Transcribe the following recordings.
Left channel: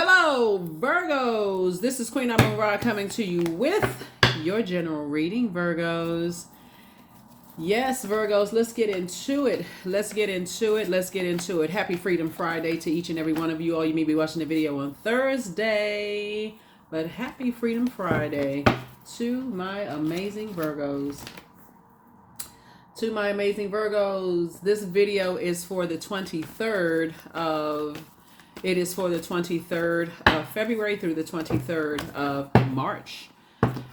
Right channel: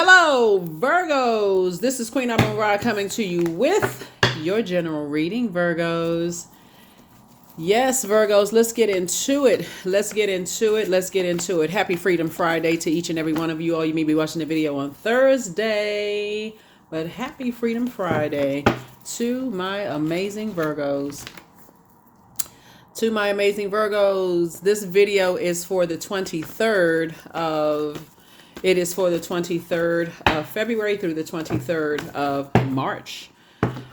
Hello, Virgos. This is Queen Amun Ra coming to you with your general reading, Virgos. Yes, Virgos, let's get into it. Let's get into it. Happy Freedom Friday to each and every one of you. All you may be watching the video on Thursday, but happy Freedom Friday to my amazing Virgos. This video is for the 23rd of February through the 23rd of March.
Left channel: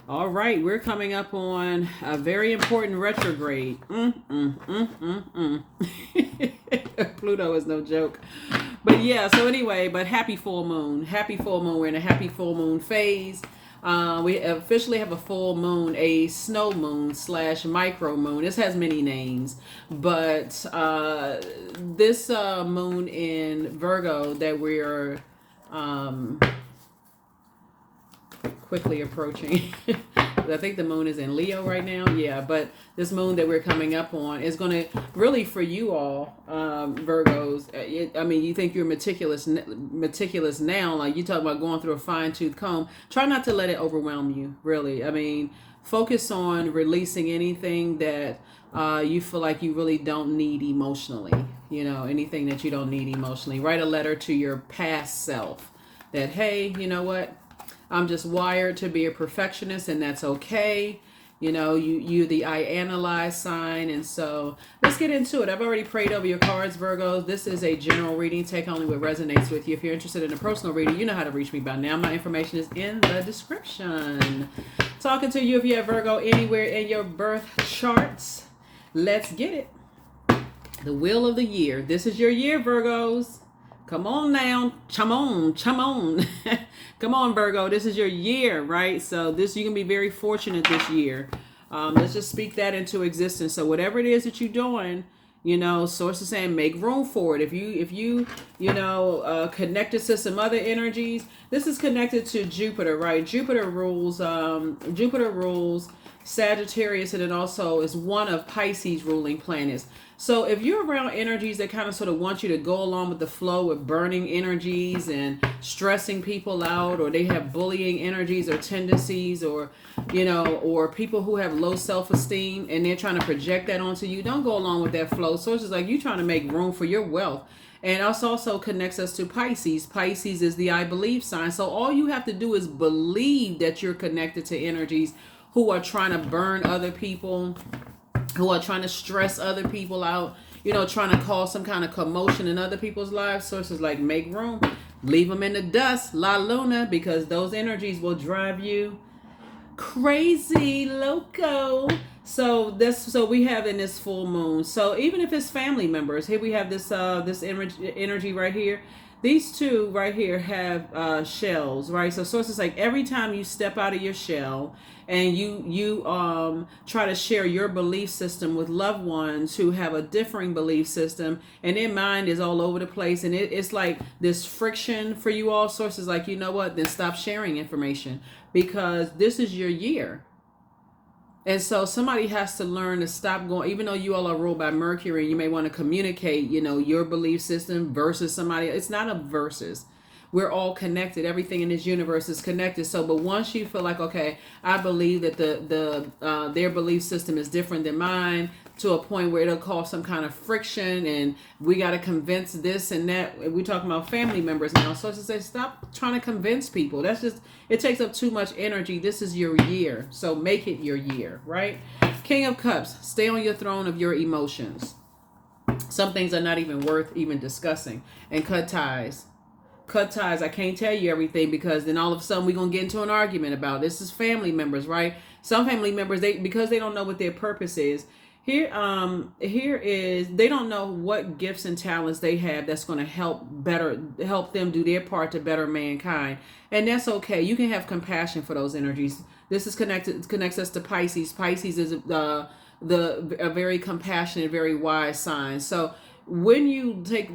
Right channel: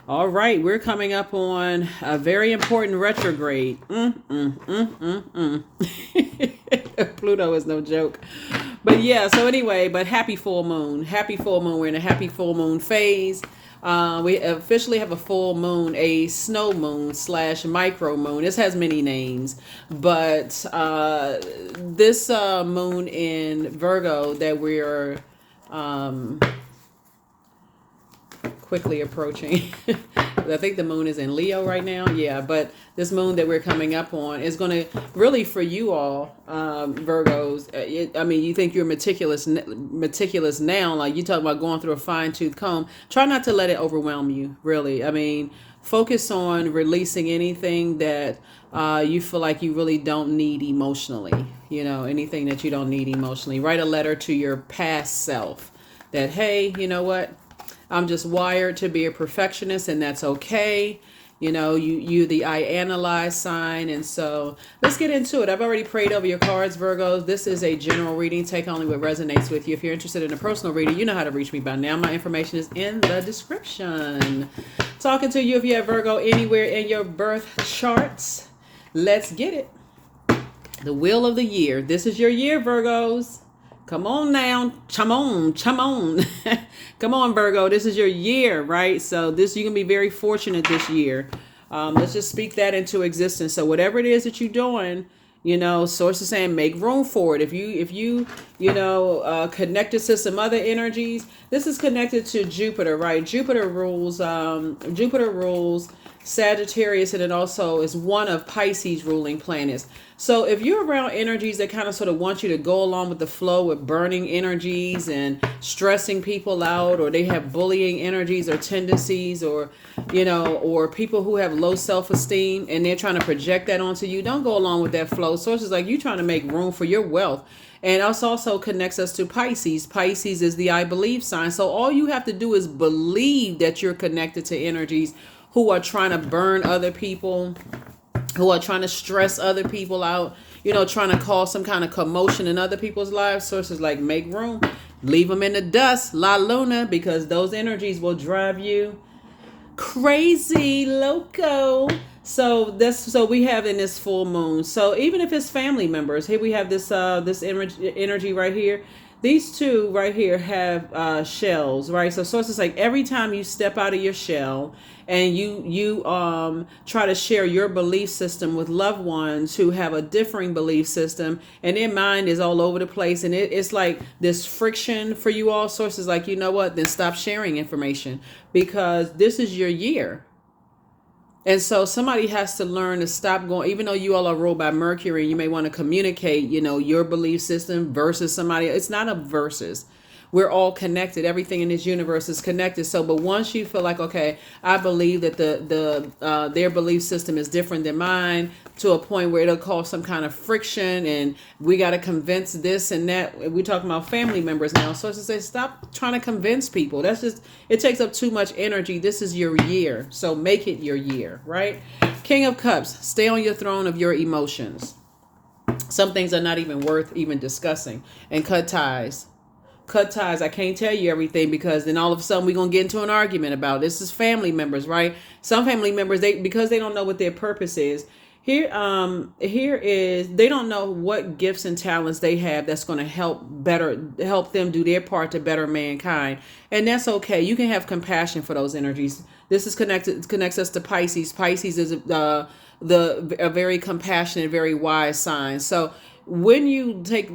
All right, we're coming up on a very important retrograde. Pluto is no joke. But yeah, so anyway, but happy full moon. We're in a happy full moon phase. We officially have a full moon, a snow moon / micro moon. This has many names, but this moon in Virgo that we're quickly approaching. I think the moon is in Leo right now. Yeah, but this moon that we're coming up on is going to really, for you all, Virgos, you think you're meticulous now, like you talk about going through a fine-tooth comb. Try not to let it overwhelm you, really. I mean, focus on releasing anything that you feel like you really don't need emotionally. Anything that you don't need emotionally. Write a letter to your past self that, hey, you know what? I'm just wired to be a perfectionist, and that's okay. You the I analyze sign. And so let's get into it. I've already prayed over your cards, Virgos. This is a general reading. Take only what resonates with you. If you're interested in a personal reading, you know how to reach me by now. My information is in the description. Talking to you if you have Virgo anywhere in your birth charts. Let's get it. The wheel of the year. This is your year, Virgos. Come on now. Come on. Come on, Virgo. This is your year, right? So you can be very fortunate this year. Let's just speak that into existence. So whatever it is that you're doing, source is saying make room for it. If you connected to some other energies, this is connected to Jupiter, right? Jupiter rules Sagittarius, and it also is one of Pisces ruling planets. So if you're around energies that kind of sort of want you to go along with the flow with burning energies and stressing people out, or they have bullying energies or tendencies, or people who have low self-esteem and they're trying to project that onto you, don't go along with that flow. So it's just like you trying to make room for your wealth. And us also connects us to Pisces. Pisces is the I believe sign. So all you have to do is believe that you're connected to energies who are trying to burn other people, who are trying to stress other people out, trying to cause some kind of commotion in other people's lives. Sources like make room, leave them in the dust, La Luna, because those energies will drive you crazy, loco. So we have in this full moon. So even if it's family members, here we have this energy right here. These two right here have shells, right? So sources like every time you step out of your shell and you try to share your belief system with loved ones who have a differing belief system, and their mind is all over the place, and it's like this friction for you all. Sources like, you know what, then stop sharing information, because this is your year. And so somebody has to learn to stop going, even though you all are ruled by Mercury, you may want to communicate, your belief system versus somebody. It's not a versus. We're all connected. Everything in this universe is connected. So, but once you feel like, okay, I believe that their belief system is different than mine, to a point where it'll cause some kind of friction, and we got to convince this and that. We're talking about family members now. So it's to say, stop trying to convince people. It takes up too much energy. This is your year. So make it your year, right? King of Cups, stay on your throne of your emotions. Some things are not even worth even discussing. And cut ties. I can't tell you everything, because then all of a sudden we're going to get into an argument about this. Is family members, right? Some family members, because they don't know what their purpose is. Here is, they don't know what gifts and talents they have that's going to help them do their part to better mankind. And that's okay. You can have compassion for those energies. This is connects us to Pisces. Pisces is a very compassionate, very wise sign. So when you take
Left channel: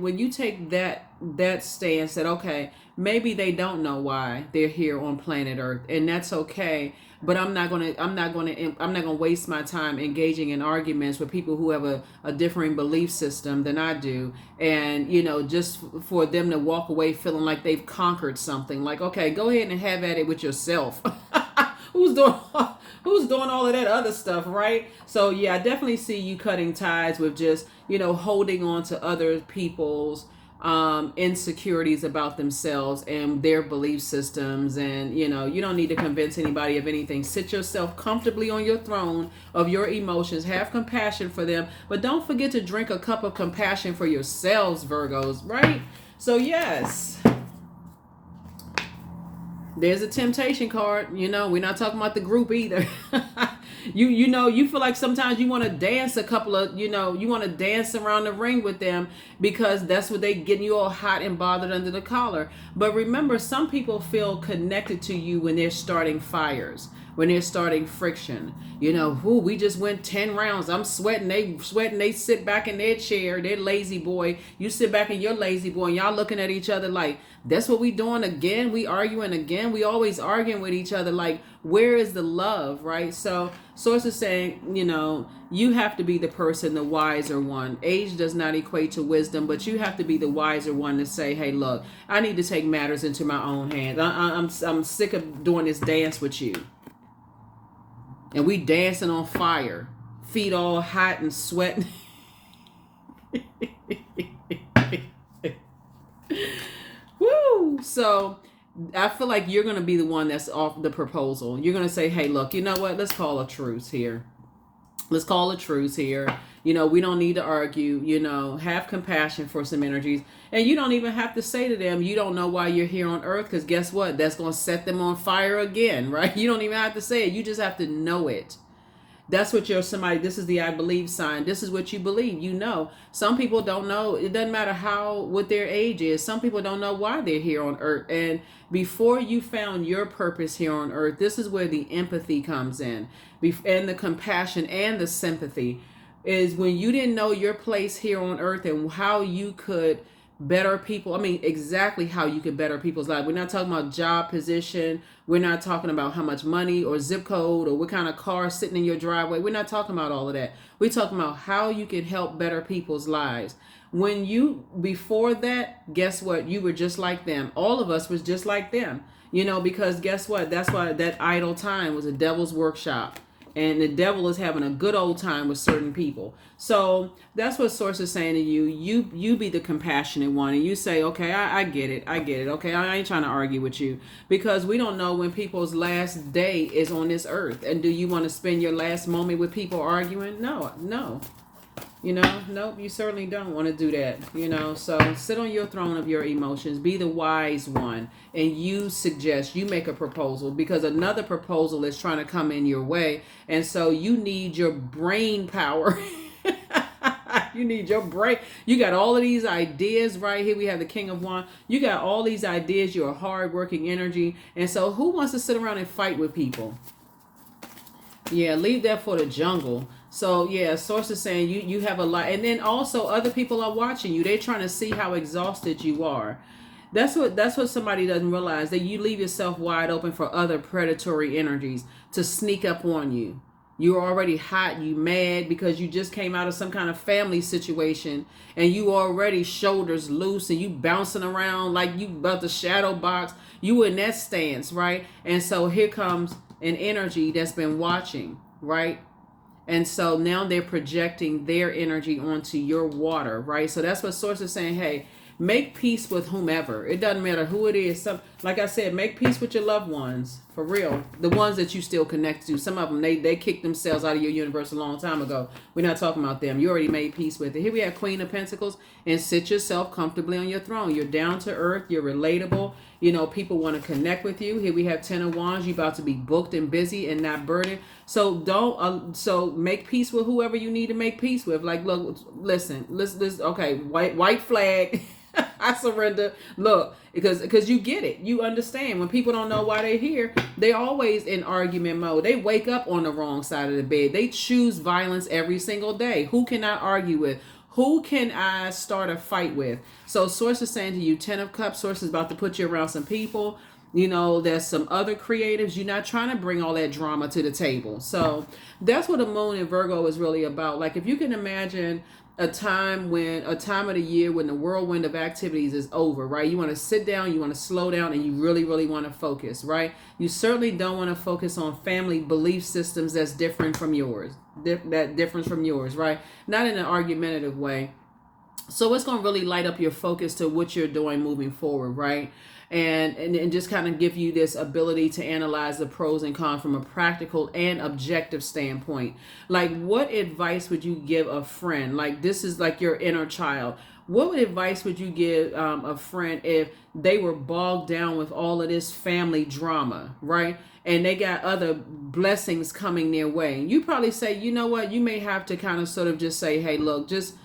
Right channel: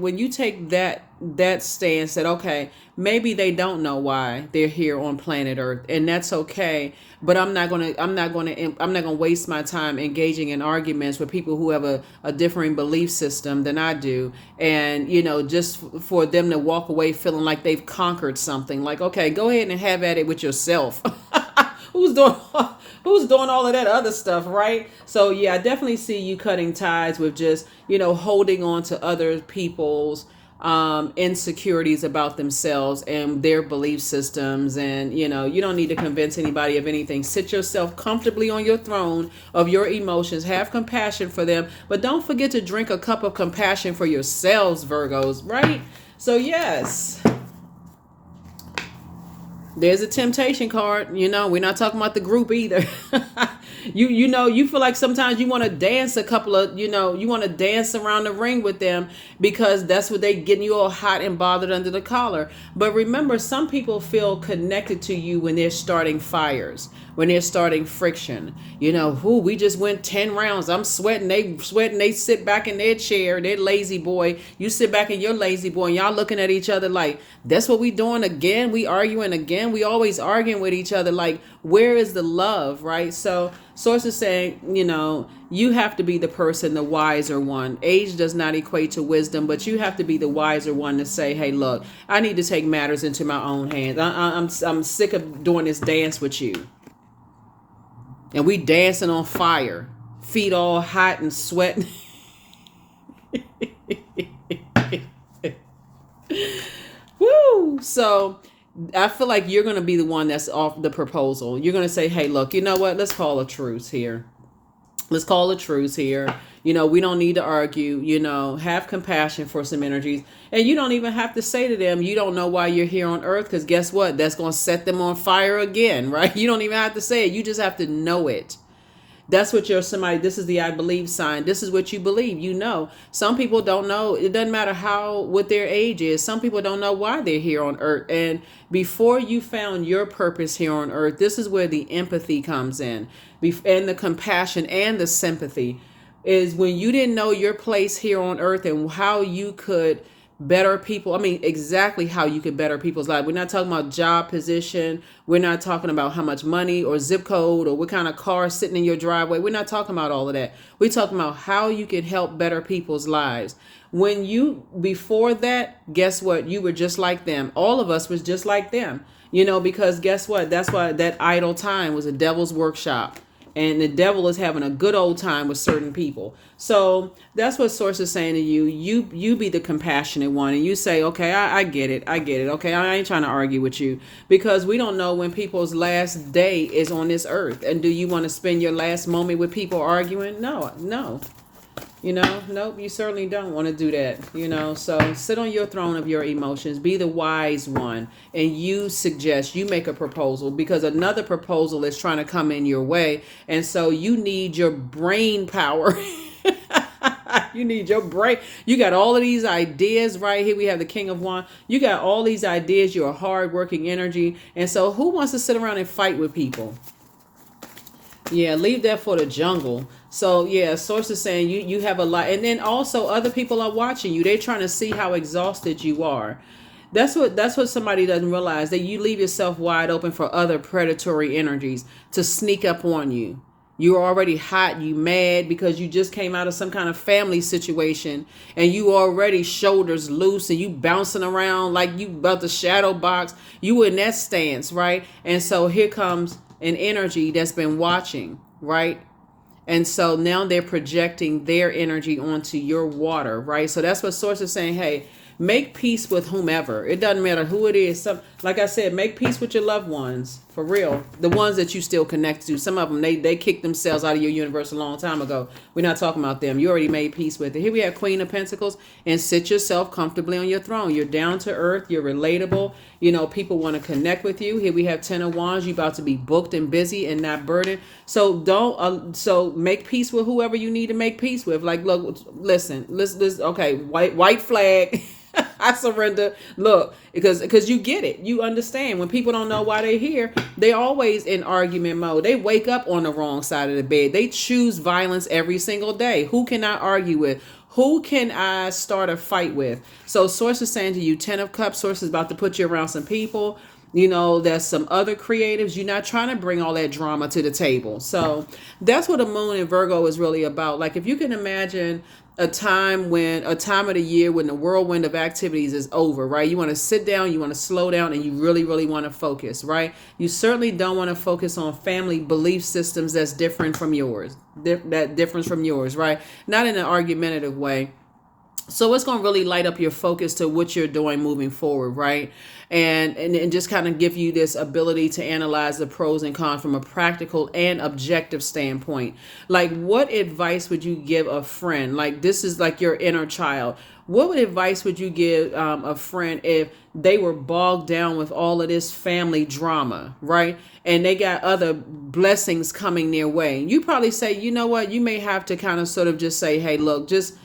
that stance that, okay, maybe they don't know why they're here on planet Earth, and that's okay. But I'm not gonna waste my time engaging in arguments with people who have a differing belief system than I do, and just for them to walk away feeling like they've conquered something. Like, okay, go ahead and have at it with yourself. who's doing who's doing all of that other stuff, right? So yeah, I definitely see you cutting ties with just holding on to other people's insecurities about themselves and their belief systems. And you don't need to convince anybody of anything. Sit yourself comfortably on your throne of your emotions, have compassion for them, but don't forget to drink a cup of compassion for yourselves, Virgos, right? So yes, there's a temptation card. We're not talking about the group either. You feel like sometimes you want to dance a couple of, you want to dance around the ring with them because that's what they getting you all hot and bothered under the collar. But remember, some people feel connected to you when they're starting fires, when they're starting friction. We just went 10 rounds. I'm sweating. They sweating. They sit back in their chair. They're lazy boy. You sit back in your lazy boy, and y'all looking at each other like, that's what we doing again. We arguing again. We always arguing with each other. Like, where is the love, right? So Source is saying, you have to be the person, the wiser one. Age does not equate to wisdom, but you have to be the wiser one to say, hey, look, I need to take matters into my own hands. I'm sick of doing this dance with you. And we dancing on fire, feet all hot and sweating. Woo! So I feel like you're going to be the one that's off the proposal. You're going to say, hey, look, you know what? Let's call a truce here. Let's call a truce here. We don't need to argue, have compassion for some energies. And you don't even have to say to them, you don't know why you're here on Earth, because guess what? That's going to set them on fire again, right? You don't even have to say it. You just have to know it. That's what you're somebody, this is the I believe sign. This is what you believe. Some people don't know. It doesn't matter what their age is. Some people don't know why they're here on Earth. And before you found your purpose here on Earth, this is where the empathy comes in, and the compassion and the sympathy is when you didn't know your place here on Earth and how you could better people. I mean, exactly how you could better people's lives. We're not talking about job position. We're not talking about how much money or zip code or what kind of car sitting in your driveway. We're not talking about all of that. We're talking about how you can help better people's lives. Before that, guess what? You were just like them. All of us was just like them, because guess what? That's why that idle time was a devil's workshop. And the devil is having a good old time with certain people. So that's what Source is saying to you. You be the compassionate one, and you say, okay, I get it. Okay, I ain't trying to argue with you, because we don't know when people's last day is on this earth. And do you want to spend your last moment with people arguing? No. Nope, you certainly don't want to do that. So sit on your throne of your emotions, be the wise one, and you make a proposal, because another proposal is trying to come in your way. And so you need your brain power. You need your brain. You got all of these ideas right here. We have the King of Wands. You got all these ideas. You're a hardworking energy. And so who wants to sit around and fight with people? Yeah, leave that for the jungle. So yeah, Source is saying you have a lot. And then also other people are watching you. They're trying to see how exhausted you are. That's what somebody doesn't realize, that you leave yourself wide open for other predatory energies to sneak up on you. You're already hot, you mad because you just came out of some kind of family situation, and you already shoulders loose and you bouncing around like you about to shadow box. You in that stance, right? And so here comes an energy that's been watching, right? And so now they're projecting their energy onto your water, right? So that's what Source is saying. Hey, make peace with whomever. It doesn't matter who it is. Like I said, make peace with your loved ones, for real. The ones that you still connect to. Some of them, they kicked themselves out of your universe a long time ago. We're not talking about them. You already made peace with it. Here we have Queen of Pentacles, and sit yourself comfortably on your throne. You're down to earth. You're relatable. People want to connect with you. Here we have Ten of Wands. You're about to be booked and busy and not burdened. So so make peace with whoever you need to make peace with. Like, look, listen, okay, white flag. I surrender. Look, because you get it. You understand. When people don't know why they're here, they're always in argument mode. They wake up on the wrong side of the bed. They choose violence every single day. Who can I argue with? Who can I start a fight with? So Source is saying to you, 10 of Cups. Source is about to put you around some people. You know, there's some other creatives. You're not trying to bring all that drama to the table. So that's what the moon in Virgo is really about. Like, if you can imagine a time of the year when the whirlwind of activities is over, right? You want to sit down, you want to slow down, and you really, really want to focus, right? You certainly don't want to focus on family belief systems that's different from yours, that difference from yours, right? Not in an argumentative way. So it's going to really light up your focus to what you're doing moving forward, right? And just kind of give you this ability to analyze the pros and cons from a practical and objective standpoint. Like, what advice would you give a friend? Like, this is like your inner child. What advice would you give a friend if they were bogged down with all of this family drama, right? And they got other blessings coming their way. You probably say, you know what? You may have to kind of sort of just say, hey, look, just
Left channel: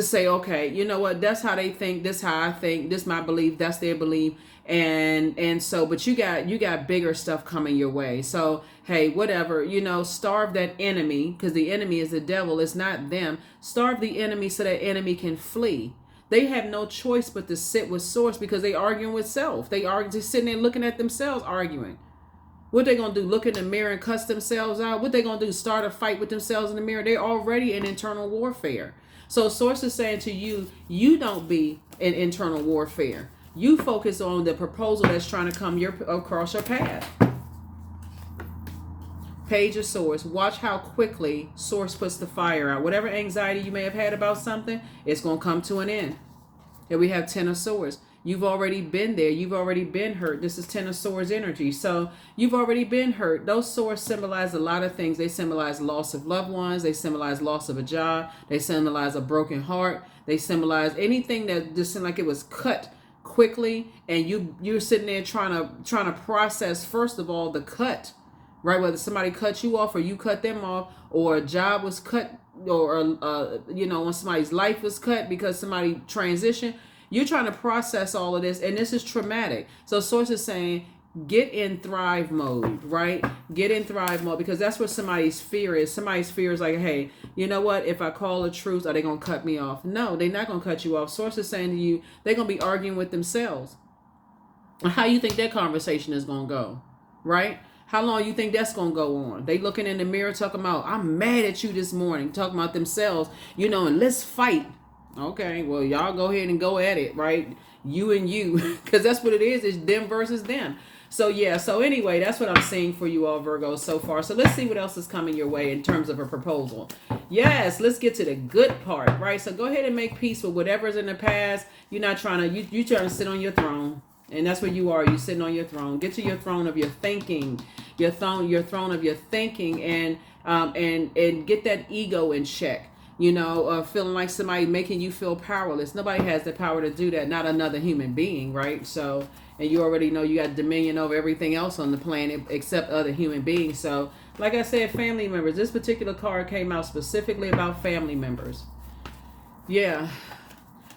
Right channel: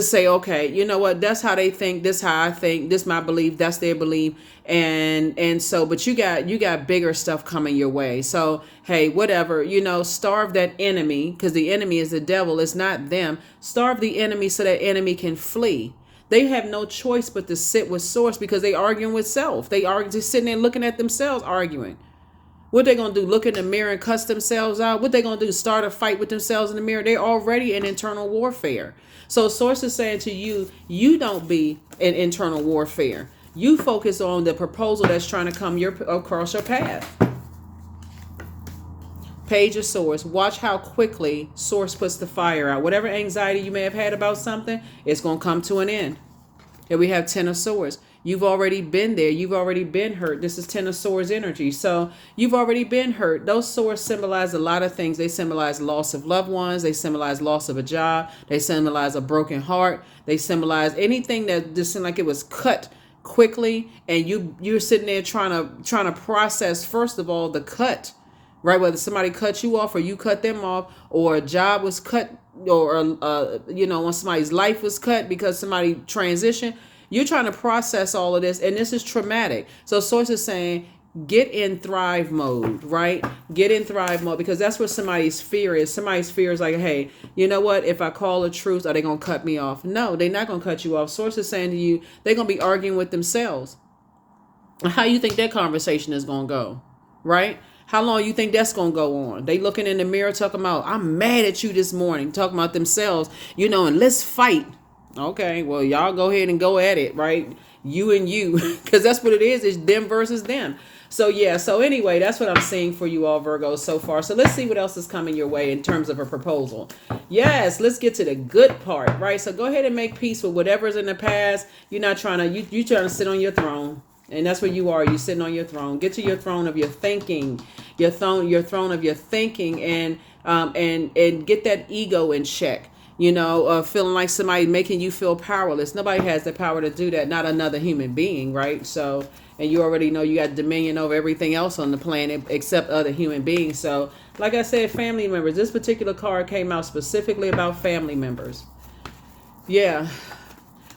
say, okay, you know what, that's how they think, this how I think, this my belief, that's their belief. And so, but you got bigger stuff coming your way. So hey, whatever, starve that enemy, because the enemy is the devil, it's not them. Starve the enemy so that enemy can flee. They have no choice but to sit with Source, because they arguing with self. They are just sitting there looking at themselves arguing. What they gonna do? Look in the mirror and cuss themselves out? What they gonna do? Start a fight with themselves in the mirror? They're already in internal warfare. So Source is saying to you, you don't be in internal warfare. You focus on the proposal that's trying to come across your path. Page of Swords. Watch how quickly Source puts the fire out. Whatever anxiety you may have had about something, it's going to come to an end. Here we have 10 of Swords. You've already been there. You've already been hurt. This is 10 of Swords energy. So you've already been hurt. Those swords symbolize a lot of things. They symbolize loss of loved ones. They symbolize loss of a job. They symbolize a broken heart. They symbolize anything that just seemed like it was cut quickly, and you're sitting there trying to process, first of all, the cut, right? Whether somebody cut you off or you cut them off, or a job was cut, or when somebody's life was cut because somebody transitioned. You're trying to process all of this, and this is traumatic. So Source is saying, get in thrive mode, right? Get in thrive mode, because that's what somebody's fear is. Somebody's fear is like, hey, you know what? If I call the truth, are they going to cut me off? No, they're not going to cut you off. Source is saying to you, they're going to be arguing with themselves. How you think that conversation is going to go, right? How long you think that's going to go on? They looking in the mirror talking about, I'm mad at you this morning, talking about themselves, and let's fight. Okay, well, y'all go ahead and go at it, right? You and you, because that's what it is. It's them versus them. So yeah, so anyway, that's what I'm seeing for you all, Virgos, so far. So let's see what else is coming your way in terms of a proposal. Yes, let's get to the good part, right? So go ahead and make peace with whatever's in the past. You're not trying to, you trying to sit on your throne. And that's what you are. You're sitting on your throne. Get to your throne of your thinking, your throne of your thinking, and get that ego in check. Feeling like somebody making you feel powerless. Nobody has the power to do that. Not another human being, right? So, and you already know you got dominion over everything else on the planet except other human beings. So, like I said, family members. This particular card came out specifically about family members. Yeah.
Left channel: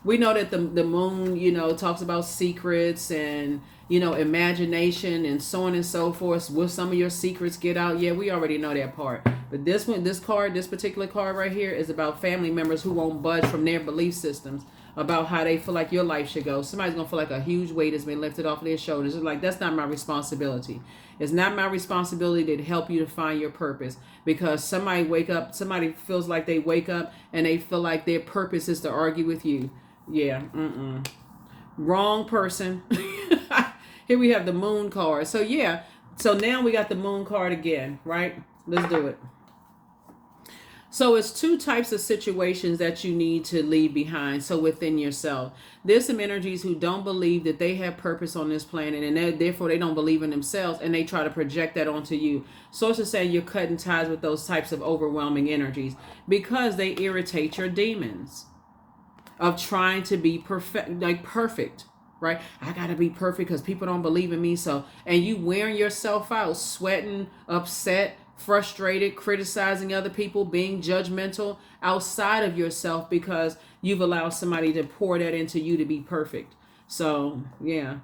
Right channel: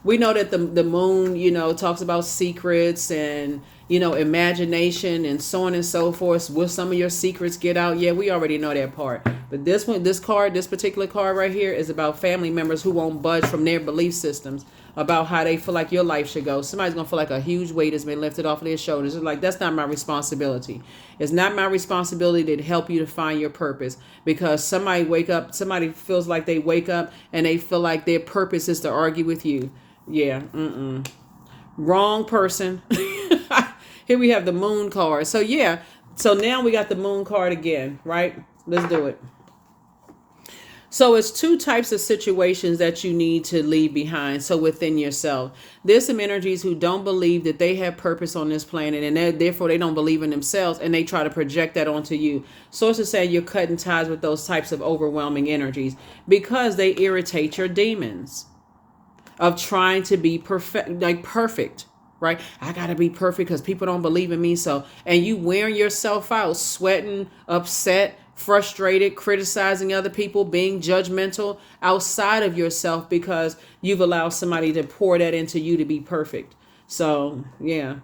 We know that the moon, talks about secrets and, imagination and so on and so forth. Will some of your secrets get out? Yeah, we already know that part. But this particular card right here is about family members who won't budge from their belief systems about how they feel like your life should go. Somebody's going to feel like a huge weight has been lifted off of their shoulders. It's like, that's not my responsibility. It's not my responsibility to help you to find your purpose, because somebody feels like they wake up and they feel like their purpose is to argue with you. Yeah, wrong person. Here we have the moon card. So yeah, so now we got the moon card again, right? Let's do it. So it's two types of situations that you need to leave behind. So within yourself, there's some energies who don't believe that they have purpose on this planet, and therefore they don't believe in themselves, and they try to project that onto you. Source is saying you're cutting ties with those types of overwhelming energies because they irritate your demons of trying to be perfect, right? I gotta be perfect because people don't believe in me. So, and you wearing yourself out, sweating, upset, frustrated, criticizing other people, being judgmental outside of yourself because you've allowed somebody to pour that into you to be perfect. So yeah,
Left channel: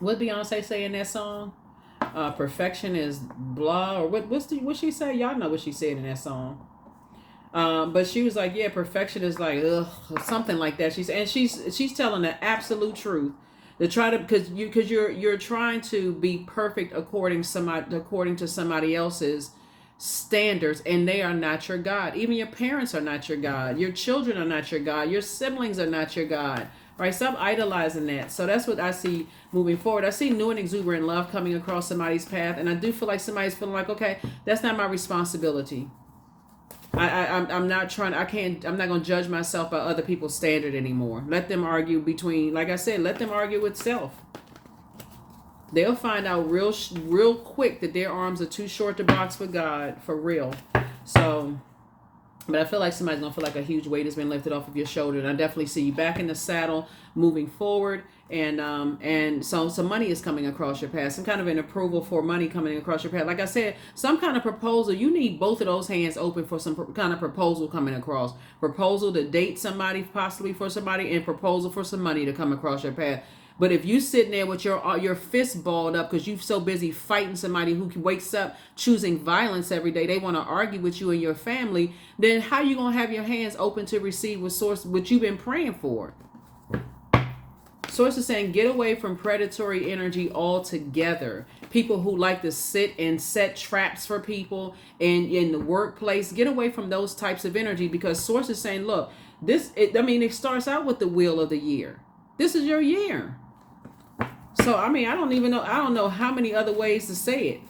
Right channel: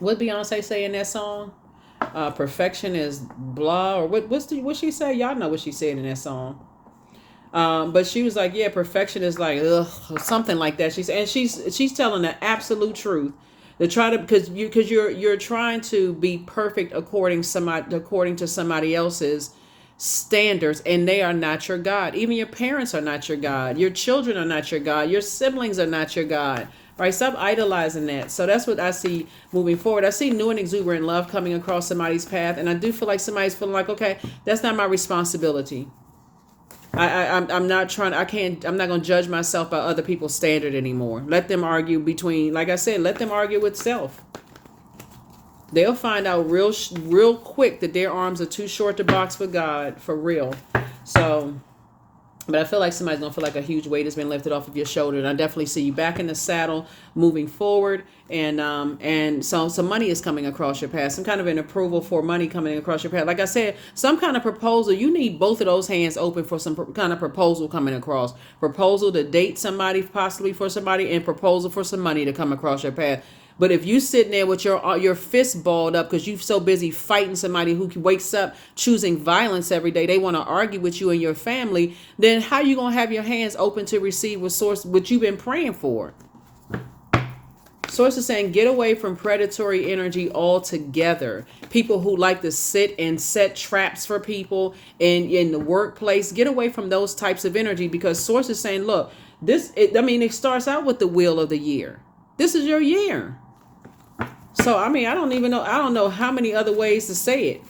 what Beyonce say in that song? Perfection is blah, or what she say? Y'all know what she said in that song. But she was like, yeah, perfection is like, ugh, or something like that. She's telling the absolute truth. To try to, because you're trying to be perfect according to somebody else's standards, and they are not your God. Even your parents are not your God. Your children are not your God. Your siblings are not your God. Right? Stop idolizing that. So that's what I see moving forward. I see new and exuberant love coming across somebody's path, and I do feel like somebody's feeling like, okay, that's not my responsibility. I'm not trying. I can't. I'm not going to judge myself by other people's standard anymore. Let them argue between. Like I said, let them argue with self. They'll find out real quick that their arms are too short to box for God, for real. So, but I feel like somebody's gonna feel like a huge weight has been lifted off of your shoulder, and I definitely see you back in the saddle, moving forward, and so some money is coming across your path, some kind of an approval for money coming across your path. Like I said, some kind of proposal. You need both of those hands open for some kind of proposal coming across. Proposal to date somebody, possibly for somebody, and proposal for some money to come across your path. But if you sitting there with your fist balled up because you're so busy fighting somebody who wakes up choosing violence every day, they want to argue with you and your family, then how you gonna have your hands open to receive what you've been praying for? Source is saying, get away from predatory energy altogether. People who like to sit and set traps for people in the workplace, get away from those types of energy, because Source is saying, look, it starts out with the wheel of the year. This is your year. So, I don't know how many other ways to say it.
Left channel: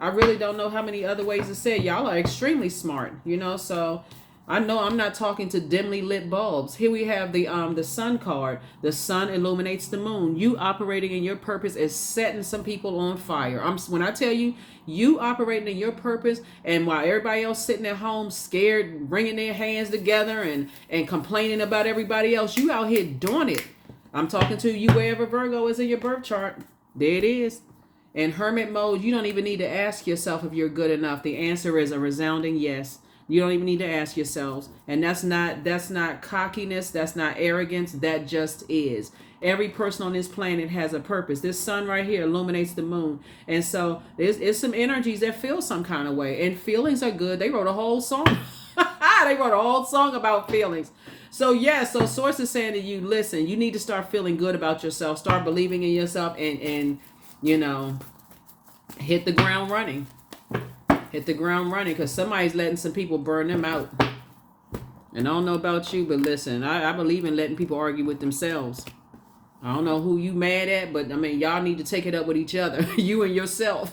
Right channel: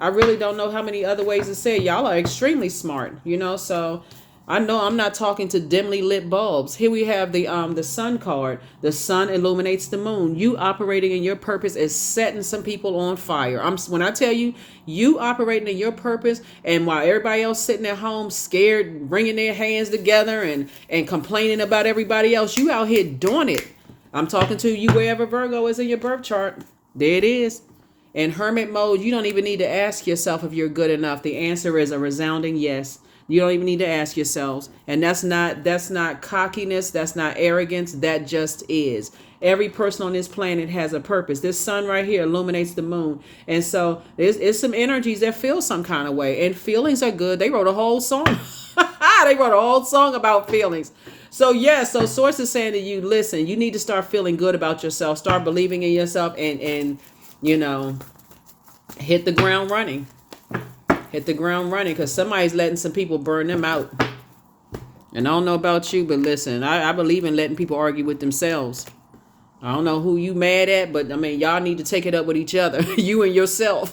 I really don't know how many other ways to say it. Y'all are extremely smart, so I know I'm not talking to dimly lit bulbs. Here we have the sun card. The sun illuminates the moon. You operating in your purpose is setting some people on fire. When I tell you, you operating in your purpose, and while everybody else sitting at home scared, wringing their hands together and complaining about everybody else, you out here doing it. I'm talking to you wherever Virgo is in your birth chart. There it is. In hermit mode, you don't even need to ask yourself if you're good enough. The answer is a resounding yes. You don't even need to ask yourselves. And that's not cockiness. That's not arrogance. That just is. Every person on this planet has a purpose. This sun right here illuminates the moon. And so there's some energies that feel some kind of way. And feelings are good. They wrote a whole song. They wrote a whole song about feelings. So so Source is saying to you, listen, you need to start feeling good about yourself. Start believing in yourself and hit the ground running. Hit the ground running, because somebody's letting some people burn them out. And I don't know about you, but listen, I believe in letting people argue with themselves. I don't know who you mad at, but y'all need to take it up with each other, you and yourself.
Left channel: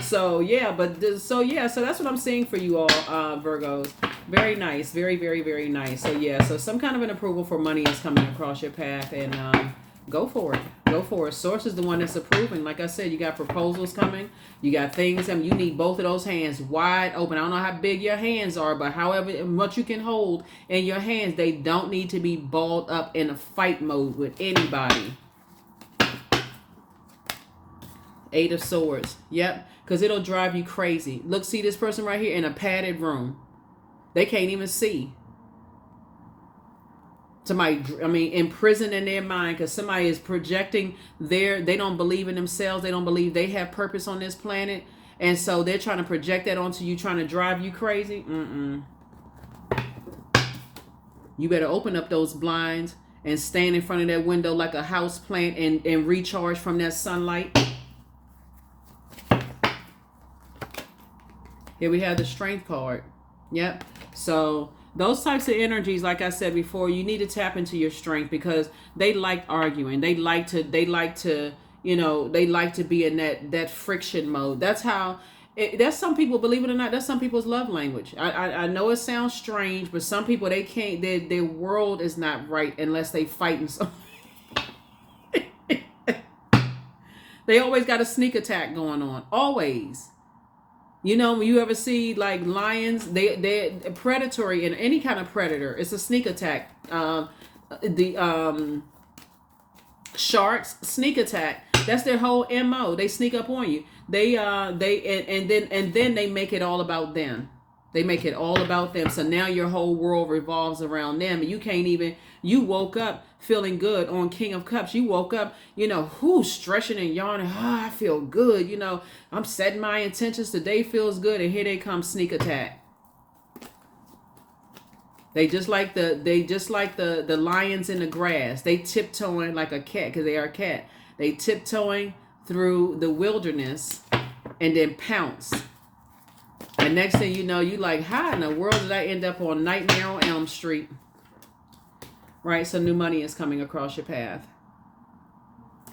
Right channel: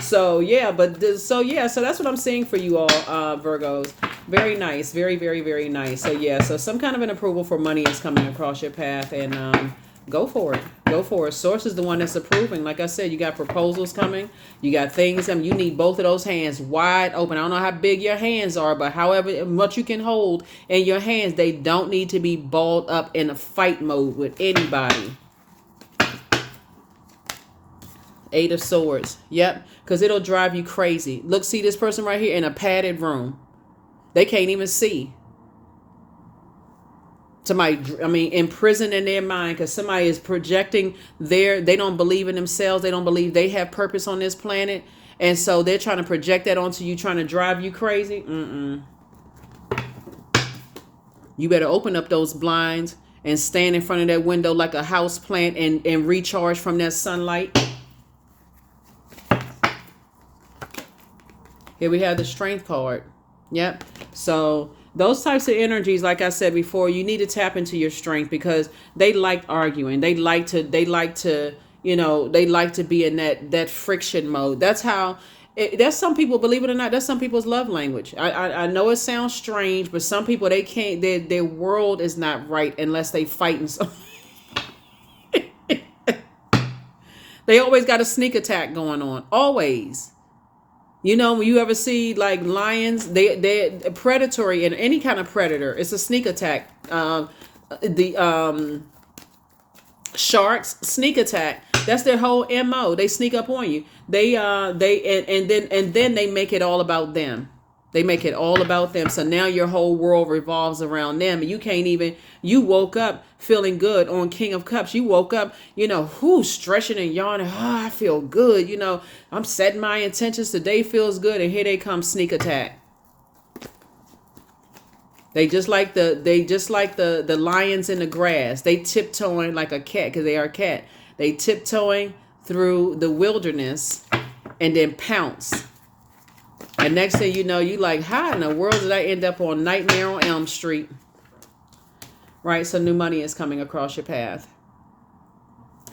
So that's what I'm seeing for you all, Virgos. Very nice, very, very, very nice. So some kind of an approval for money is coming across your path, and go for it. Go for it. Source is the one that's approving. Like I said, you got proposals coming. You got things. You need both of those hands wide open. I don't know how big your hands are, but however much you can hold in your hands, they don't need to be balled up in a fight mode with anybody. Eight of Swords. Yep. Because it'll drive you crazy. Look, see this person right here in a padded room. They can't even see. Somebody, imprisoned in their mind because somebody is projecting they don't believe in themselves. They don't believe they have purpose on this planet. And so they're trying to project that onto you, trying to drive you crazy. You better open up those blinds and stand in front of that window like a house plant and recharge from that sunlight. Here we have the Strength card. Yep. So those types of energies, like I said before, you need to tap into your strength, because they like arguing. They like to be in that friction mode. That's how, that's some people, believe it or not, that's some people's love language. I know it sounds strange, but some people, they can't, their world is not right unless they fighting something. They always got a sneak attack going on. Always. When you ever see like lions, they're predatory, and any kind of predator, it's a sneak attack. The sharks, sneak attack. That's their whole MO. They sneak up on you. Then they make it all about them. They make it all about them. So now your whole world revolves around them, and you woke up feeling good on King of Cups. You woke up, stretching and yawning. Oh, I feel good. I'm setting my intentions. Today feels good. And here they come, sneak attack. They just like the lions in the grass. They tiptoeing like a cat because they are a cat. They tiptoeing through the wilderness and then pounce. And next thing you know, you like, how in the world did I end up on Nightmare on Elm Street? Right? So new money is coming across your path.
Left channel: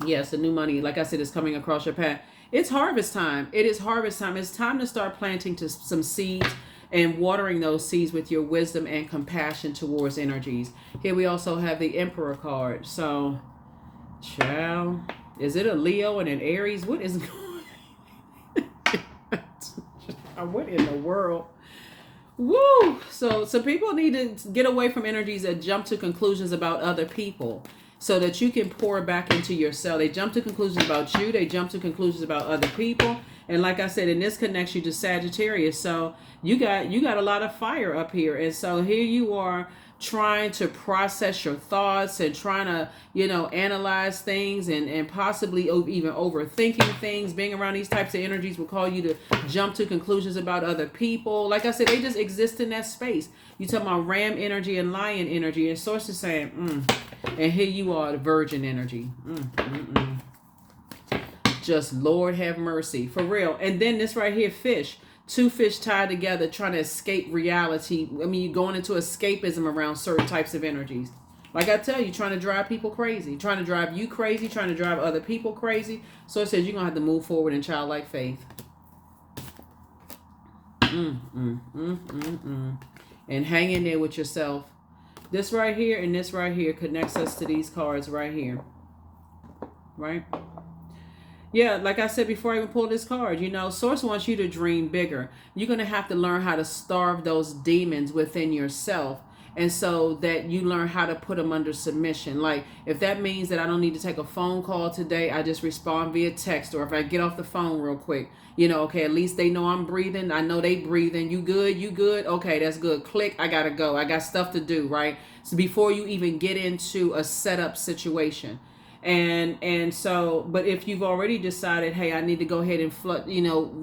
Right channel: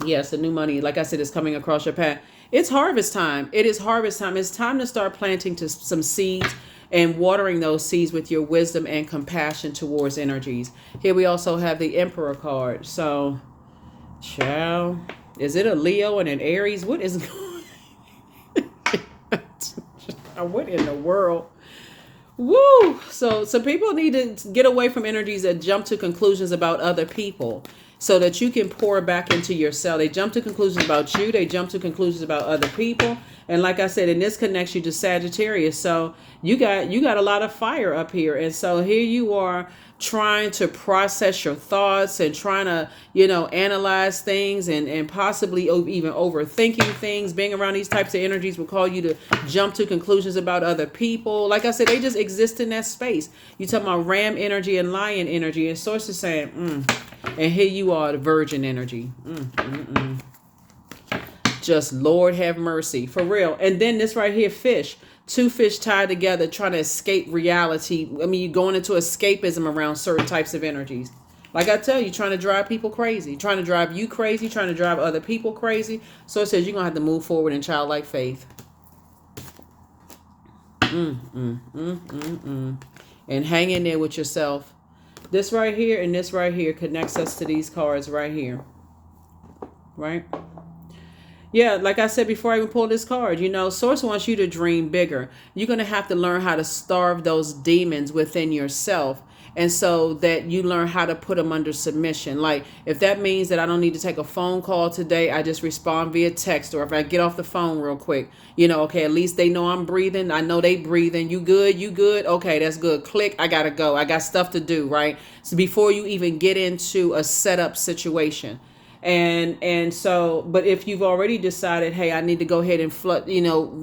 Yes, the new money, like I said, is coming across your path. It's harvest time. It is harvest time. It's time to start planting some seeds and watering those seeds with your wisdom and compassion towards energies. Here we also have the Emperor card. So, child, is it a Leo and an Aries? What is what in the world? Woo! So some people need to get away from energies that jump to conclusions about other people so that you can pour back into yourself. They jump to conclusions about you. They jump to conclusions about other people. And like I said, and this connects you to Sagittarius. So you got a lot of fire up here. And so here you are trying to process your thoughts and trying to, analyze things and possibly even overthinking things. Being around these types of energies will call you to jump to conclusions about other people. Like I said, they just exist in that space. You talking about ram energy and lion energy, and source is saying, and here you are, the virgin energy. Just Lord have mercy, for real. And then this right here, fish. Two fish tied together trying to escape reality. I mean, you're going into escapism around certain types of energies. Like I tell you, trying to drive people crazy. Trying to drive you crazy. Trying to drive other people crazy. So it says you're going to have to move forward in childlike faith. And hang in there with yourself. This right here and this right here connects us to these cards right here. Right? Yeah, like I said before I even pulled this card, Source wants you to dream bigger. You're going to have to learn how to starve those demons within yourself. And so that you learn how to put them under submission. Like if that means that I don't need to take a phone call today, I just respond via text. Or if I get off the phone real quick, okay, at least they know I'm breathing. I know they breathing. You good? You good? Okay, that's good. Click. I got to go. I got stuff to do, right? So before you even get into a setup situation. And so, but if you've already decided, hey, I need to go ahead and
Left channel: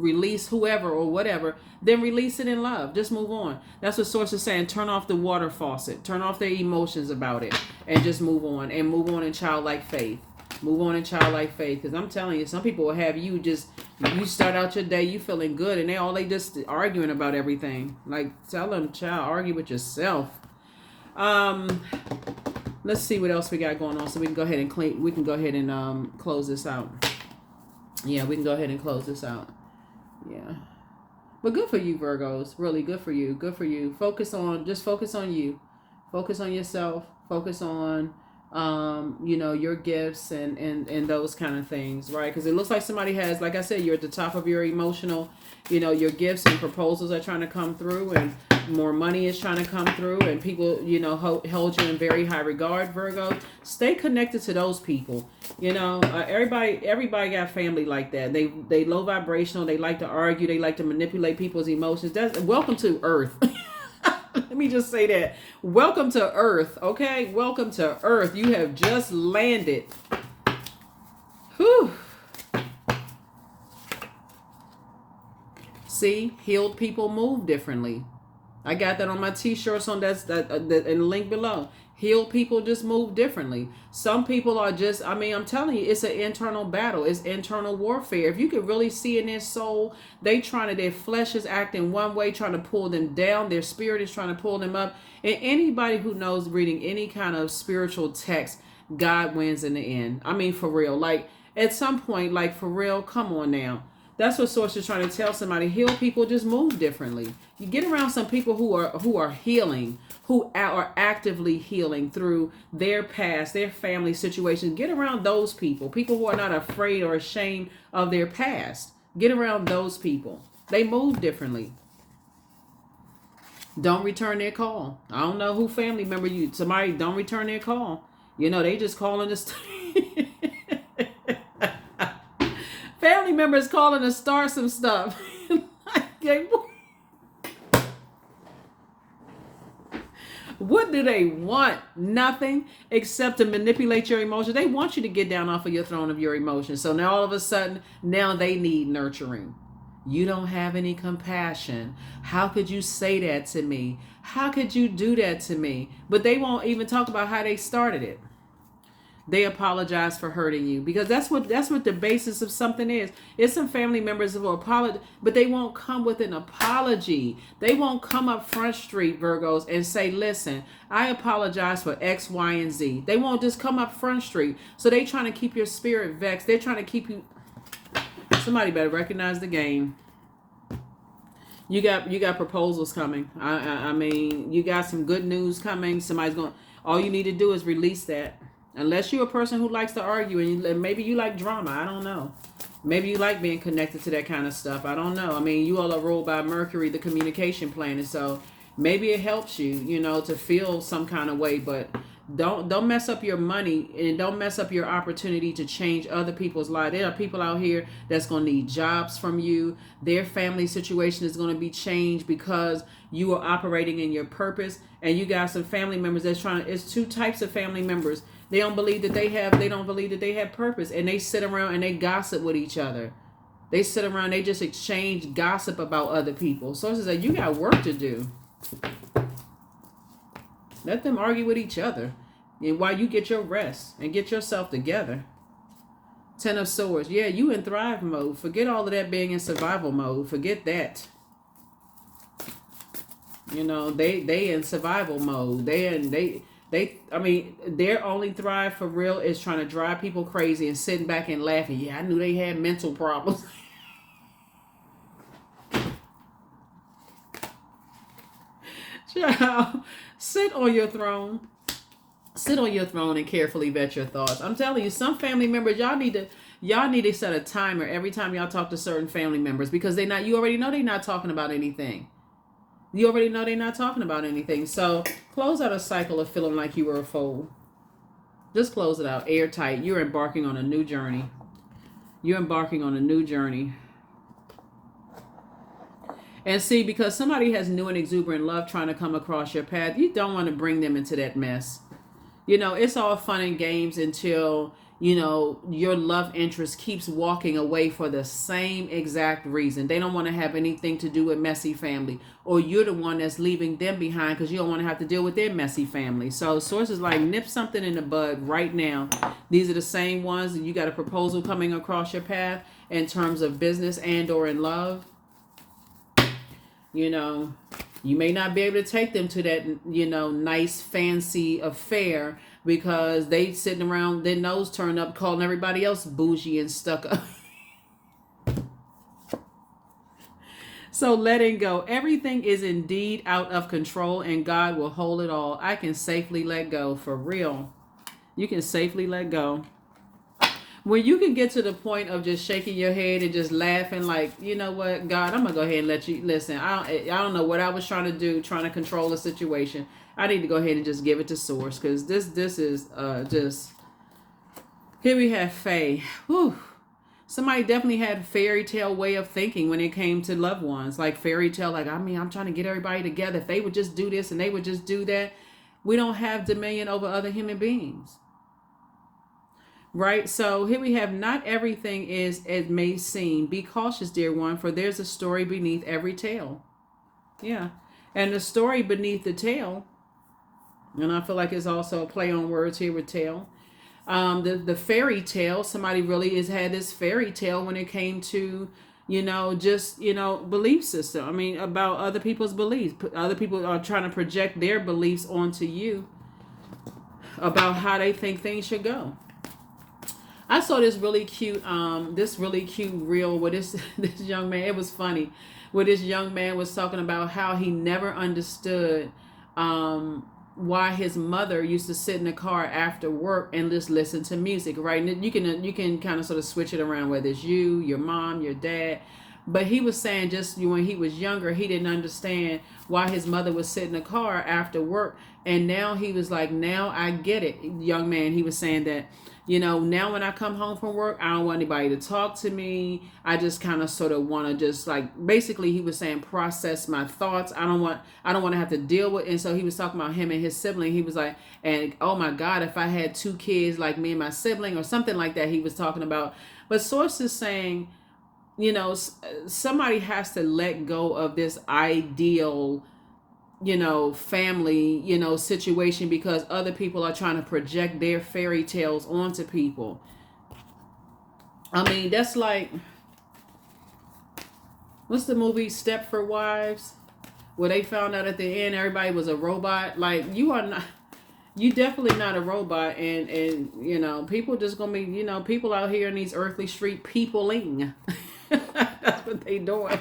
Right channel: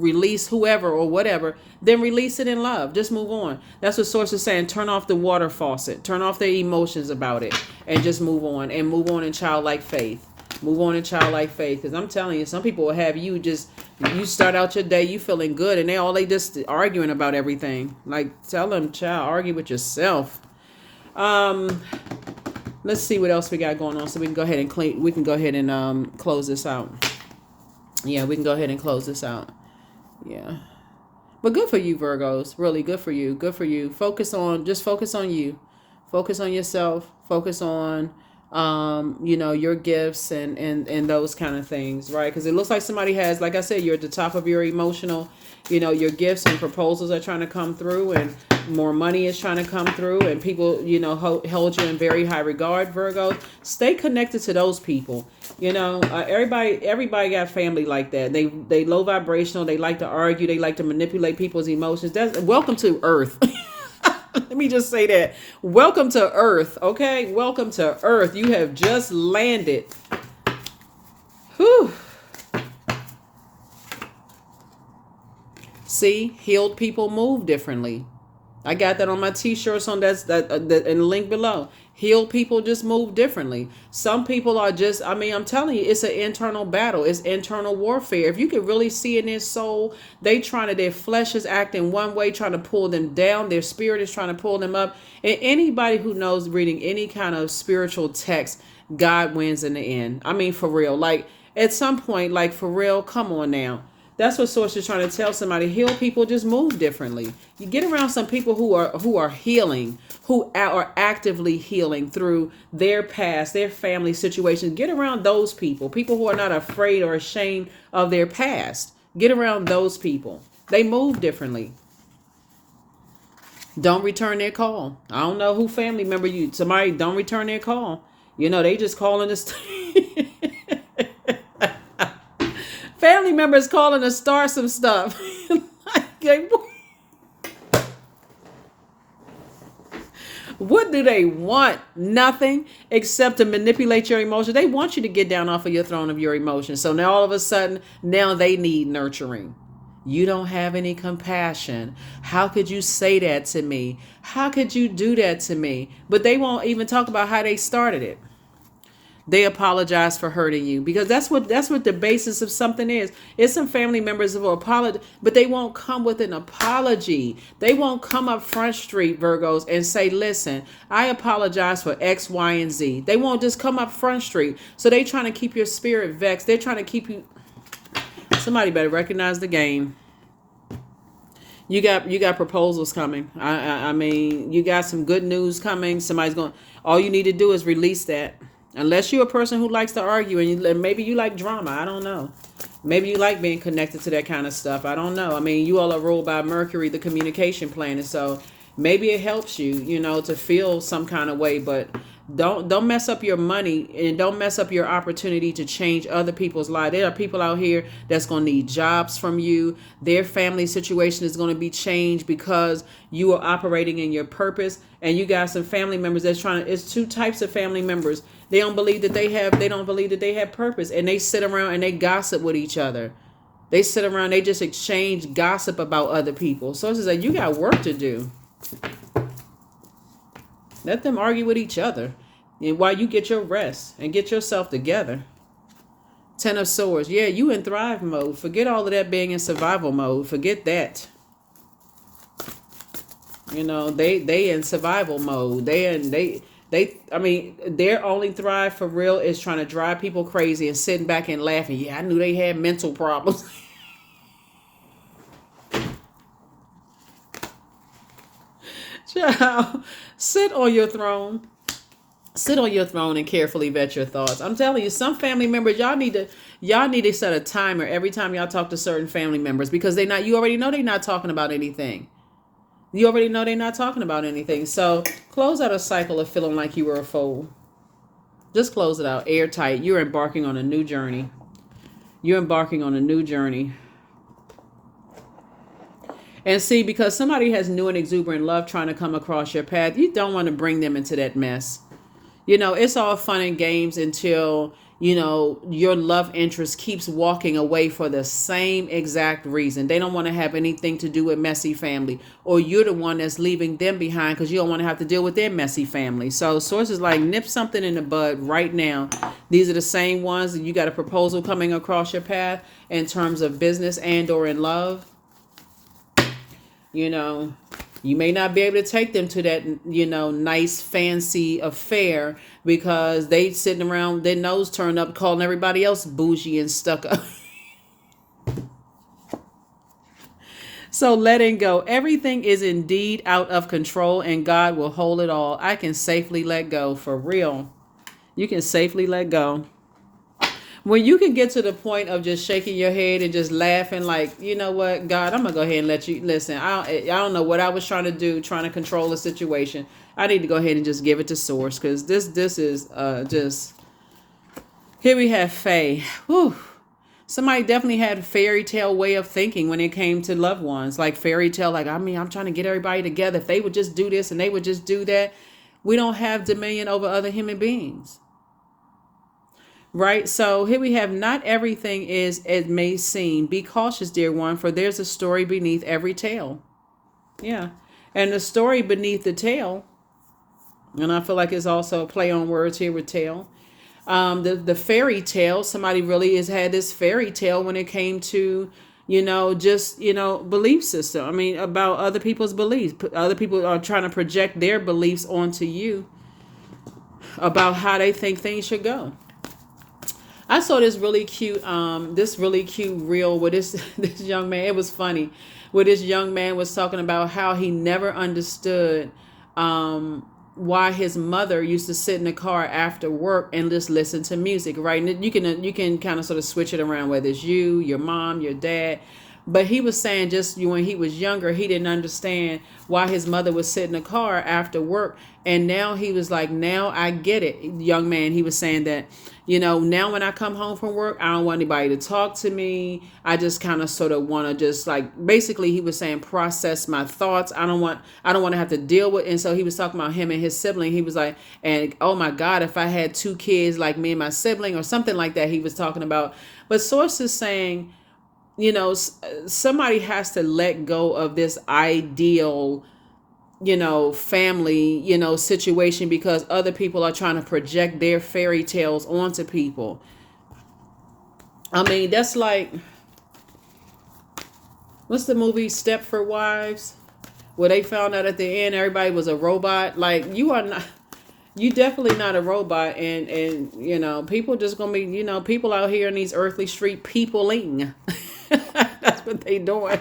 release whoever or whatever, then release it in love. Just move on. That's what Source is saying. Turn off the water faucet. Turn off their emotions about it and just move on and move on in childlike faith. Move on in childlike faith. Because I'm telling you, some people will have you start out your day, you feeling good, and they just arguing about everything. Like, tell them, child, argue with yourself. Let's see what else we got going on, so we can go ahead and close this out. Yeah, we can go ahead and close this out. Yeah, but good for you, Virgos. Really good for you. Good for you. Focus on you. Focus on yourself. Focus on your gifts and those kind of things, right? Because it looks like somebody has, like I said, you're at the top of your emotional, your gifts and proposals are trying to come through, and more money is trying to come through, and people, hold you in very high regard, Virgo. Stay connected to those people. Everybody got family like that. They low vibrational. They like to argue. They like to manipulate people's emotions. Welcome to Earth. Let me just say that. Welcome to Earth, okay? Welcome to Earth. You have just landed. Whew. See, healed people move differently. I got that on my t-shirts on that in the link below. Healed people just move differently. Some people are just, I'm telling you, it's an internal battle. It's internal warfare. If you can really see in their soul, their flesh is acting one way, trying to pull them down. Their spirit is trying to pull them up. And anybody who knows reading any kind of spiritual text, God wins in the end. For real. Like at some point, like for real, come on now. That's what Source is trying to tell somebody. Heal people just move differently. You get around some people who are healing, who are actively healing through their past, their family situations. Get around those people who are not afraid or ashamed of their past. Get around those people. They move differently. Don't return their call. I don't know who family member somebody don't return their call. They just calling us. Family members calling to start some stuff. What do they want? Nothing except to manipulate your emotions. They want you to get down off of your throne of your emotions. So now all of a sudden, now they need nurturing. You don't have any compassion. How could you say that to me? How could you do that to me? But they won't even talk about how they started it. They apologize for hurting you, because that's what the basis of something is. It's some family members who will apologize, but they won't come with an apology. They won't come up Front Street, Virgos, and say, listen, I apologize for X, Y, and Z. They won't just come up Front Street. So they trying to keep your spirit vexed. They're trying to keep you. Somebody better recognize the game. You got proposals coming. I mean, you got some good news coming. Somebody's going. All you need to do is release that. Unless you're a person who likes to argue, and maybe you like drama. I don't know. Maybe you like being connected to that kind of stuff. I don't know. I mean, you all are ruled by Mercury, the communication planet. So maybe it helps you, to feel some kind of way. But don't mess up your money, and don't mess up your opportunity to change other people's lives. There are people out here that's going to need jobs from you. Their family situation is going to be changed because you are operating in your purpose. And you got some family members that's trying to. It's two types of family members. They don't believe that they don't believe that they have purpose, and they sit around and they gossip with each other. They sit around, they just exchange gossip about other people. So it's just like, you got work to do. Let them argue with each other, and while you get your rest and get yourself together. Ten of Swords. Yeah, you in thrive mode. Forget all of that being in survival mode. Forget that. They in survival mode. I mean, their only thrive for real is trying to drive people crazy and sitting back and laughing. Yeah, I knew they had mental problems. Child, sit on your throne. Sit on your throne and carefully vet your thoughts. I'm telling you, some family members, y'all need to set a timer every time y'all talk to certain family members, because you already know they're not talking about anything. You already know they're not talking about anything. So close out a cycle of feeling like you were a fool. Just close it out. Airtight. You're embarking on a new journey. You're embarking on a new journey. And see, because somebody has new and exuberant love trying to come across your path, you don't want to bring them into that mess. It's all fun and games until, your love interest keeps walking away for the same exact reason. They don't want to have anything to do with messy family, or you're the one that's leaving them behind because you don't want to have to deal with their messy family. So sources like, nip something in the bud right now. These are the same ones that you got a proposal coming across your path in terms of business and or in love. You may not be able to take them to that, nice fancy affair, because they sitting around, their nose turned up, calling everybody else bougie and stuck up. So letting go. Everything is indeed out of control, and God will hold it all. I can safely let go, for real. You can safely let go. When you can get to the point of just shaking your head and just laughing, like, you know what, God, I'm going to go ahead and let you listen. I don't know what I was trying to do, trying to control the situation. I need to go ahead and just give it to source, because this is just, here we have Faye. Whew. Somebody definitely had a fairy tale way of thinking when it came to loved ones, like fairy tale, like, I mean, I'm trying to get everybody together. If they would just do this and they would just do that. We don't have dominion over other human beings. Right? So here we have, not everything is as may seem. Be cautious, dear one, for there's a story beneath every tale. Yeah. And the story beneath the tale, and I feel like it's also a play on words here with tale. The fairy tale, somebody really has had this fairy tale when it came to, belief system. I mean, about other people's beliefs. Other people are trying to project their beliefs onto you about how they think things should go. I saw this really cute reel with this young man. It was funny, where this young man was talking about how he never understood why his mother used to sit in the car after work and just listen to music, right? And you can kind of sort of switch it around, whether it's you, your mom, your dad. But he was saying, just when he was younger, he didn't understand why his mother would sit in the car after work. And now he was like, now I get it. Young man, he was saying that, now when I come home from work, I don't want anybody to talk to me. I just kind of sort of want to just, like, basically he was saying, process my thoughts. I don't want to have to deal with. And so he was talking about him and his sibling. He was like, and oh my God, if I had two kids like me and my sibling or something like that, he was talking about. But sources saying, somebody has to let go of this ideal, family, situation, because other people are trying to project their fairy tales onto people. I mean, that's like, what's the movie Stepford Wives, where they found out at the end everybody was a robot? Like, you definitely not a robot, and people just gonna be, people out here in these earthly street peopling. That's what they doing.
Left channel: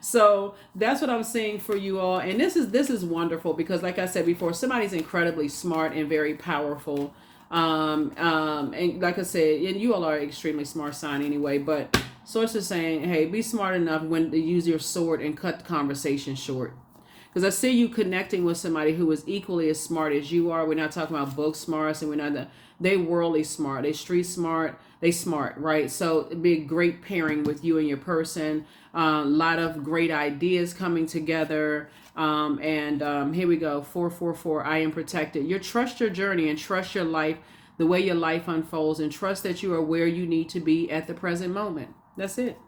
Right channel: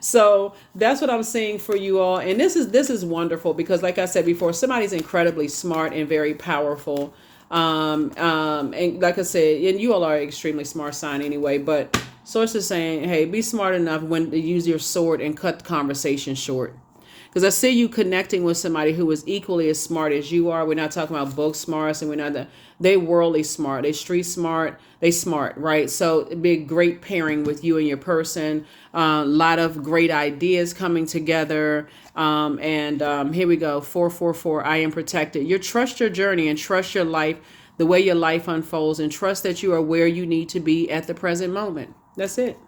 So that's what I'm saying for you all, and this is wonderful, because like I said before, somebody's incredibly smart and very powerful. And like I said, and you all are extremely smart sign anyway, but source is saying, hey, be smart enough when to use your sword and cut the conversation short. Because I see you connecting with somebody who is equally as smart as you are. We're not talking about book smarts, and we're not they worldly smart, they street smart, they smart, right? So it'd be a great pairing with you and your person. A lot of great ideas coming together. And here we go, 444. I am protected. You trust your journey and trust your life, the way your life unfolds, and trust that you are where you need to be at the present moment. That's it.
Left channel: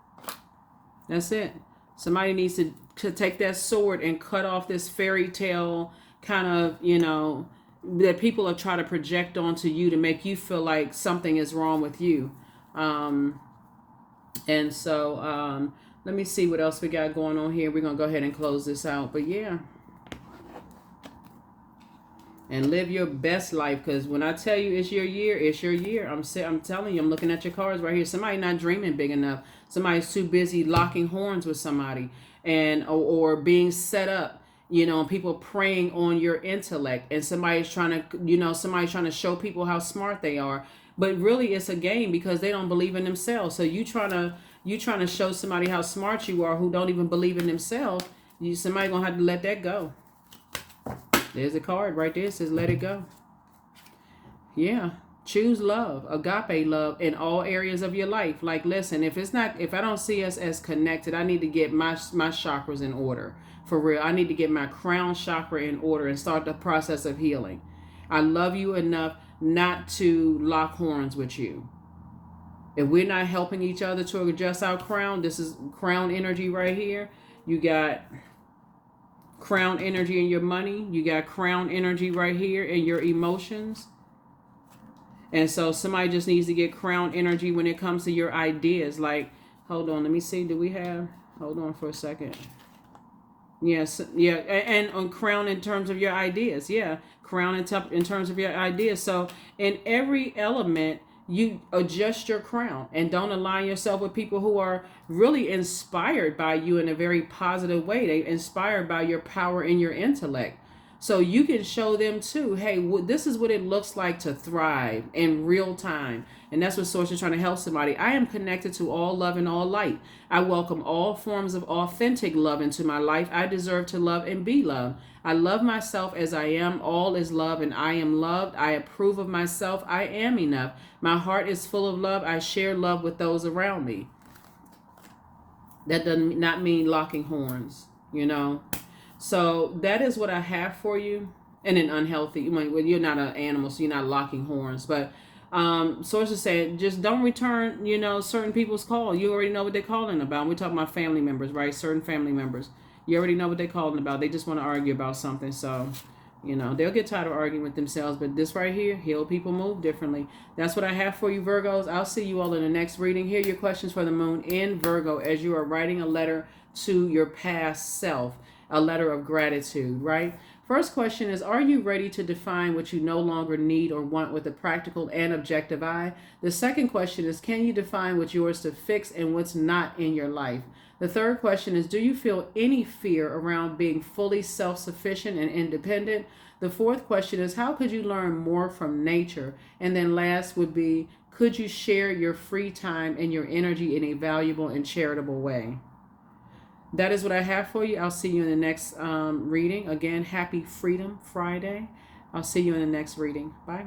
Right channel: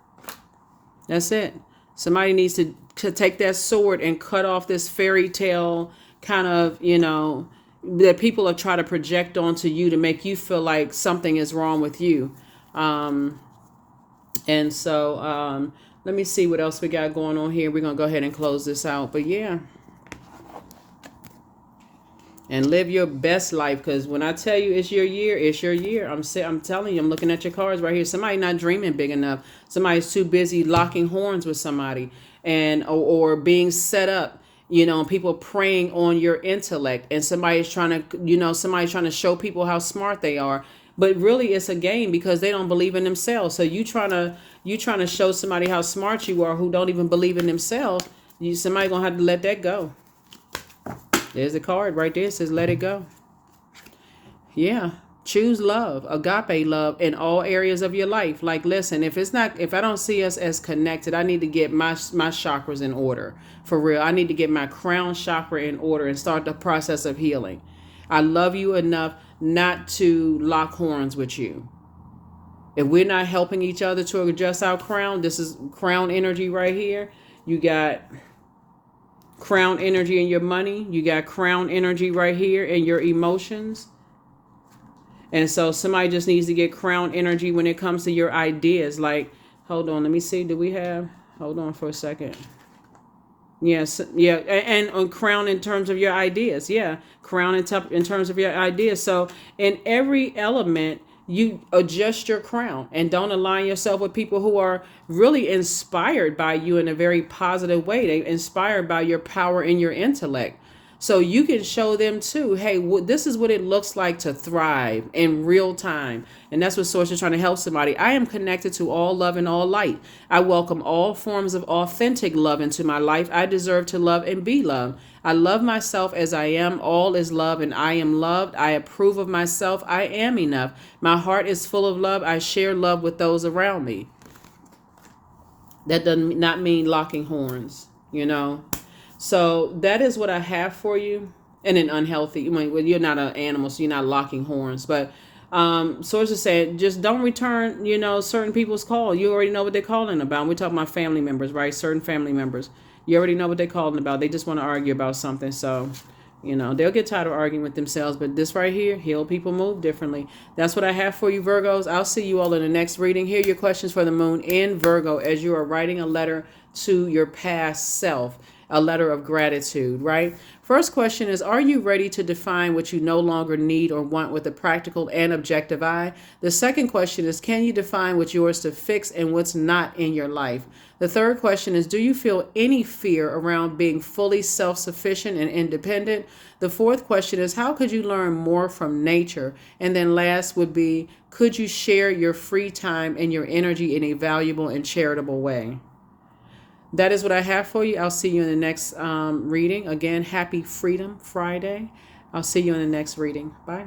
That's it. Somebody needs to take that sword and cut off this fairy tale kind of, that people are trying to project onto you to make you feel like something is wrong with you. And so let me see what else we got going on here. We're going to go ahead and close this out. But yeah. And live your best life, because when I tell you it's your year, it's your year. I'm telling you, I'm looking at your cards right here. Somebody not dreaming big enough. Somebody's too busy locking horns with somebody, and or being set up. People preying on your intellect, and somebody's trying to show people how smart they are. But really, it's a game, because they don't believe in themselves. So you trying to show somebody how smart you are who don't even believe in themselves. Somebody gonna have to let that go. There's the card right there. It says, let it go. Yeah. Choose love, agape love, in all areas of your life. Like, listen, if I don't see us as connected, I need to get my chakras in order. For real. I need to get my crown chakra in order and start the process of healing. I love you enough not to lock horns with you. If we're not helping each other to adjust our crown, this is crown energy right here. You got crown energy in your money. You got crown energy right here in your emotions. And so somebody just needs to get crown energy when it comes to your ideas. Like, hold on, let me see. Hold on for a second. Yes, yeah. And on crown in terms of your ideas. Yeah, crown in terms of your ideas. So in every element, you adjust your crown, and don't align yourself with people who are really inspired by you in a very positive way. They're inspired by your power and your intellect. So you can show them too, hey, this is what it looks like to thrive in real time. And that's what Source is trying to help somebody. I am connected to all love and all light. I welcome all forms of authentic love into my life. I deserve to love and be loved. I love myself as I am. All is love and I am loved. I approve of myself. I am enough. My heart is full of love. I share love with those around me. That does not mean locking horns, So that is what I have for you. In an unhealthy, well, you're not an animal, so you're not locking horns. But sources say just don't return, certain people's call. You already know what they're calling about. We're talking about family members, right? Certain family members. You already know what they're calling about. They just want to argue about something. So, they'll get tired of arguing with themselves. But this right here, heal people move differently. That's what I have for you, Virgos. I'll see you all in the next reading. Here are your questions for the moon in Virgo as you are writing a letter to your past self. A letter of gratitude, right? First question is, are you ready to define what you no longer need or want with a practical and objective eye? The second question is, can you define what's yours to fix and what's not in your life? The third question is, do you feel any fear around being fully self-sufficient and independent? The fourth question is, how could you learn more from nature? And then last would be, could you share your free time and your energy in a valuable and charitable way? That is what I have for you. I'll see you in the next reading. Again, happy Freedom Friday. I'll see you in the next reading. Bye.